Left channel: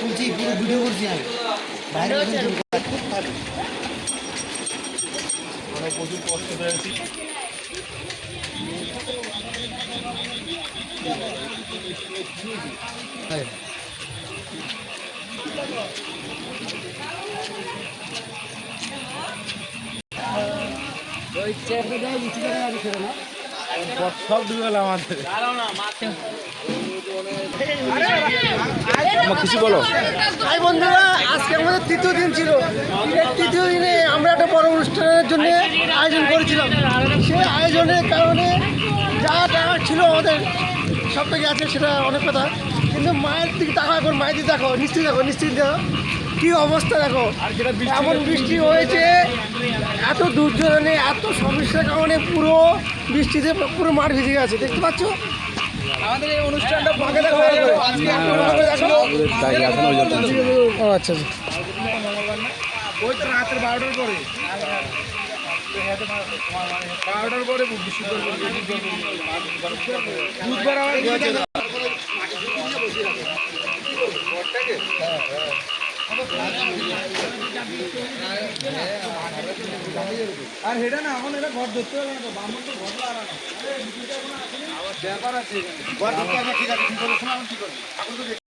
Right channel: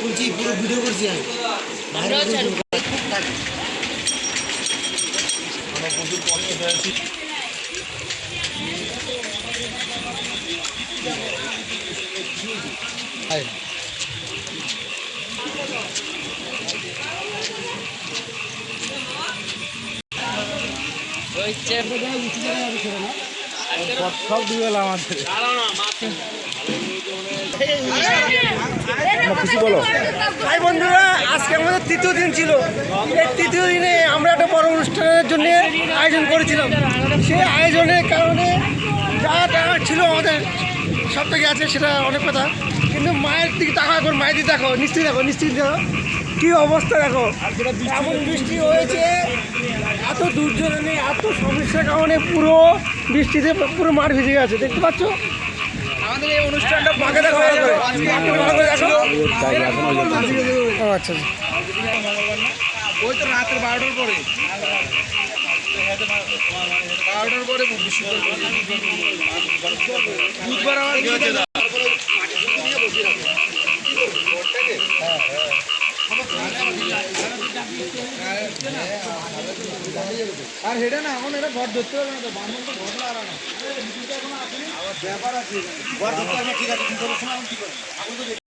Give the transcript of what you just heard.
বলছি পুরো ভিডিও করছি আমি সব ডুবে গেল আমাদের। কিছু বলো। হাই বন্ধুরা, আজকে আমাদের তৃতীয় দিন ছিল। এই তৃতীয় দিনে আমরা একটা বড় অনুষ্ঠানের জন্য আয়োজন করেছিলাম। সেই আয়োজনের কারণে যা টাকা ছিল আমাদের সব থেকে আছে, সেটা অনেক কথা। কিন্তু মায়ের দিকে টাকা এখন মায়ের দিকে দেখো, নিশ্চিত দেখো, নিশ্চিত দেখো কী অবস্থা দেখো। এমন বৃষ্টি হয়েছে, এত দুর্যোগে, এত সমস্যার কারণে পুরো বৃষ্টিতে পুরো মাঠ ভিজে গেছে, দেখতে পাচ্ছ। আমাদের এই অনুষ্ঠানটা মাকে দেখো, আচ্ছা ওই তো রাত্রে 12টার পরে 12টার আর হেঁটে না এখন এটা ঘর ধরতে হবে না, তো বামন তো ঘর ব্যাপার আছে, ঘর ধরতে হবে। ঠিক আছে, কি করে শোনা, কি করে এখন তো